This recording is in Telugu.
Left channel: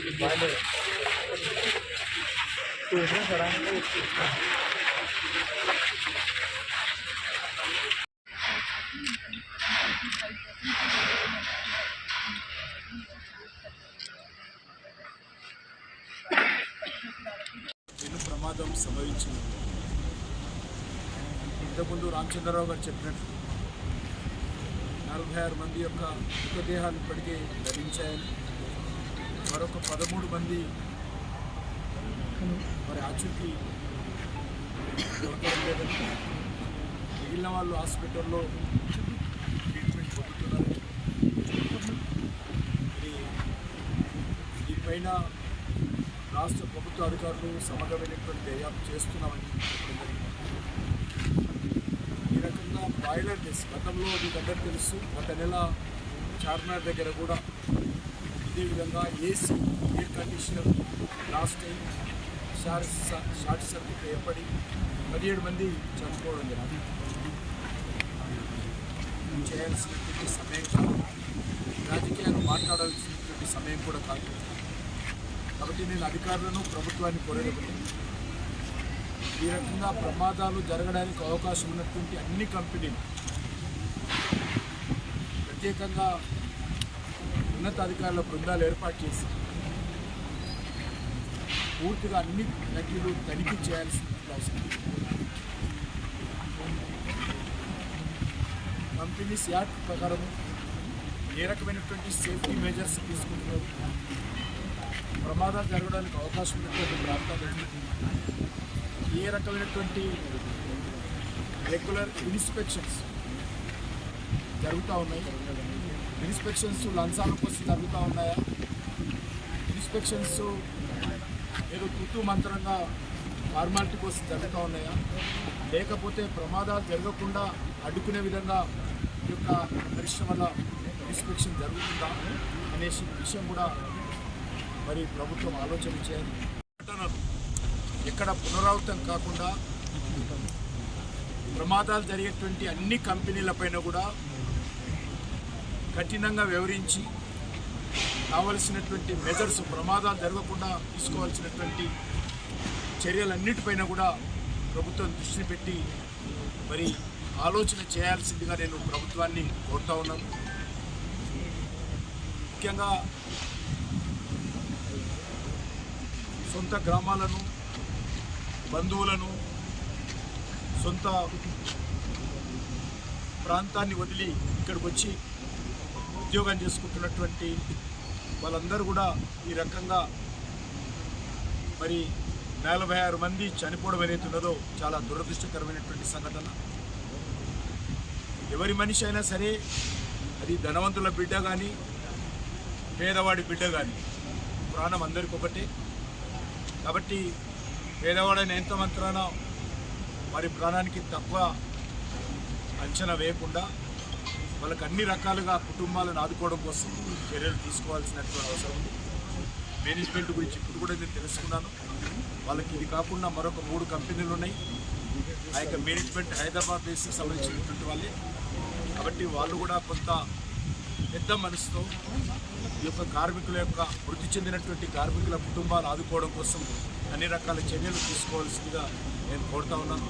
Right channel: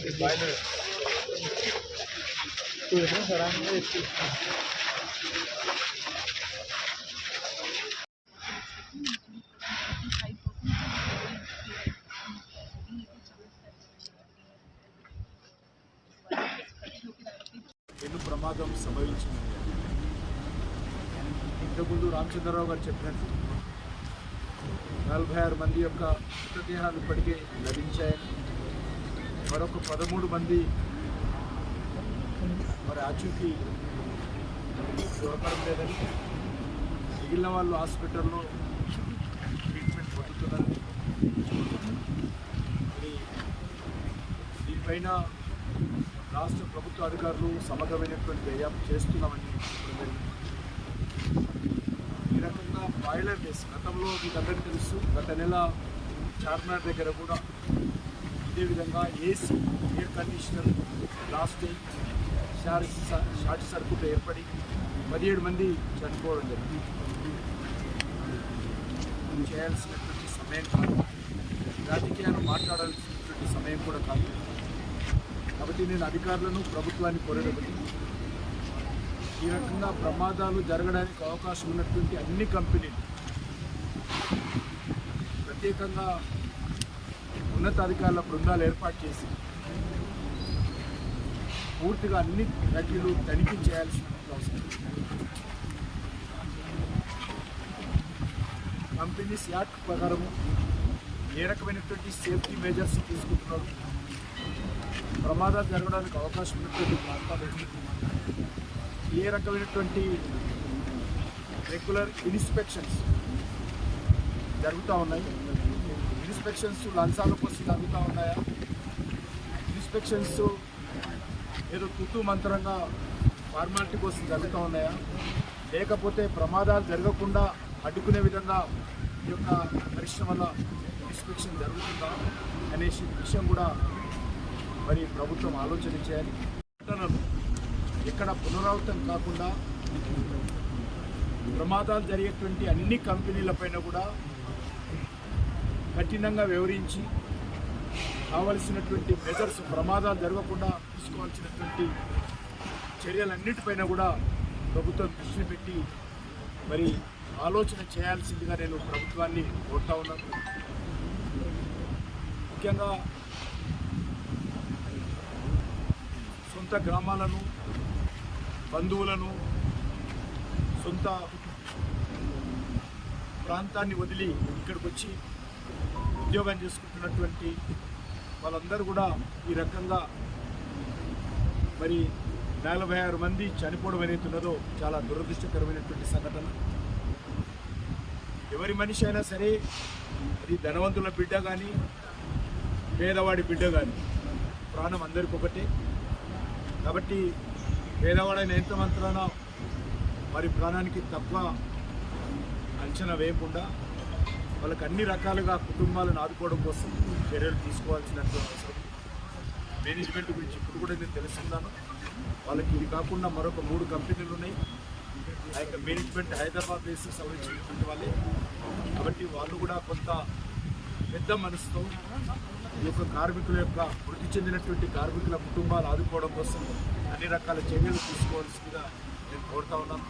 పెను ప్రమాదం సంభవించింది. ఇంతకుముందు రామచంద్రరావు గారు చెప్పినట్టు 46 మంది యొక్క మృతదేహాలు ఇప్పటికే లభించాయని, మరొక 13 మంది మరి ఆచూకీ దొరకడం లేదని, మిగిలిన వాళ్ళు హాస్పిటల్లో ట్రీట్మెంట్ పొందుతున్నారని, మరి దీనిపైన రాష్ట్ర ప్రభుత్వ అధికారులు సమగ్రమైనటువంటి దర్యాప్తు చేస్తున్నామని చెప్పడం జరిగింది. ఈ రకంగా బాయిలర్ బేస్ గతంలో మీకు అందరికీ తెలుసు, గత నెల చార్మినార్ దగ్గర కూడా ఇదే విధంగా ఏసీ ఎయిర్ కండిషనర్ బ్లాస్ట్ అయి షార్ట్ సర్క్యూట్ ఏర్పడి 17 మంది చనిపోవడం జరిగింది. చేయాల్సినటువంటి సమయం కాదు, రాజకీయాలు మాట్లాడాల్సినటువంటి సమయం కూడా కాదు. కాబట్టి నేను అధికారులను ప్రభుత్వాన్ని కోరేది ఒకటి, ఈ రకంగా ప్రమాదాలు జరగడానికి అవకాశం ఉన్నటువంటి అన్ని కంపెనీలు ప్రత్యేకంగా ఉన్నతాధికారుల బృందాలు ఏర్పాటు చేసి పూర్తిగా అన్ని ఫ్యాక్టరీలు తనిఖీ చేయాల్సినటువంటి అవసరం. కంపెనీస్ యాక్ట్ ప్రకారము ఏ రకమైనటువంటి సేఫ్టీ మెజర్స్ తీసుకుంటున్నారు, ప్రమాదాలు జరగడానికి అవకాశం ఉన్నటువంటి ప్రాంతాలు ఏ రకమైనటువంటి రెగ్యులర్ ఇన్స్పెక్షన్స్ జరుగుతూ ఉన్నాయి, ఇన్స్పెక్షన్స్ లంచాల కోసం జరుగుతూ ఉన్నాయా, ఇన్స్పెక్షన్స్ ఏదో తుత్తు మంత్రంగా ఫార్మాలిటీ కోసం జరుగుతూ ఉన్నాయా, లేకపోతే ప్రమాదాలు జరగకుండా అడ్డుకునే విధంగా ఈ యొక్క పరిశ్రమల ఇన్స్పెక్షన్ జరుగుతుందా అనే విషయం కూడా మరి ప్రభుత్వం ఆలోచన చేయాలి. ఘటనలు ఎక్కడ పునరావృతం కాకుండా ప్రమాదాలు జరిగేటువంటి అన్ని కంపెనీలపైన కూడా కఠినంగా వ్యవహరించి కావలసినటువంటి మెజర్స్, ప్రమాదాలు జరగకుండా తీసుకోవాల్సినటువంటి చర్యలన్నిటిపైన కూడా ప్రభుత్వం దృష్టి పెట్టి మరి ఆలోచన చేయాల్సిందిగా నేను ప్రభుత్వాన్ని కోరుతా ఉన్నాను. ముఖ్యంగా సొంత గ్రామాలను, బంధువులను, సొంత ప్రాంతాన్ని వదిలి ఇక్కడికి వచ్చి ఉద్యోగం చేసుకుంటున్నటువంటి వాళ్ళందరూ కూడా ఈ రకంగా మరి 46 మంది చనిపోవడం అనేది ఉన్నదో చాలా దురదృష్టకరమైనటువంటి సంఘటన. ఎవరి మనిషి అయినా సరే, అది ధనవంతుల బిడ్డ కానీ పేదవాడి బిడ్డ కానీ, ప్రాణం అందరికీ ఒకటే. కాబట్టి పేదవాడైన ఎంత మాత్రాన వారి ప్రాణానికి తక్కువ అంచనా వేయకుండా వాళ్ళకి అన్ని రకాలుగా కుటుంబాలను ఆదుకోవడం కోసం చర్యలు తీసుకోవాల్సినటువంటి అవసరం ఉంది. మేనేజ్మెంట్ గురించి ఇప్పుడు కూడా నేను తెలుసుకున్నాను. వాళ్ళకి ఇది కాకుండా మరొక 3 కంపెనీలు ఉన్నాయి. ఆ యొక్క మేనేజ్మెంట్ హైదరాబాద్ బేస్కి సంబంధించినటువంటి వాళ్ళే. కాబట్టి వాళ్ళు కూడా కొంత పెద్ద మనసుతో ఈ యొక్క కార్మికుల యొక్క మృతి చెందినటువంటి కార్మికుల కుటుంబాలు ఆదుకోవడం కోసం అన్ని రకాల చర్యలు తీసుకోవాల్సిందిగా నేను కోరుతా ఉన్నాను.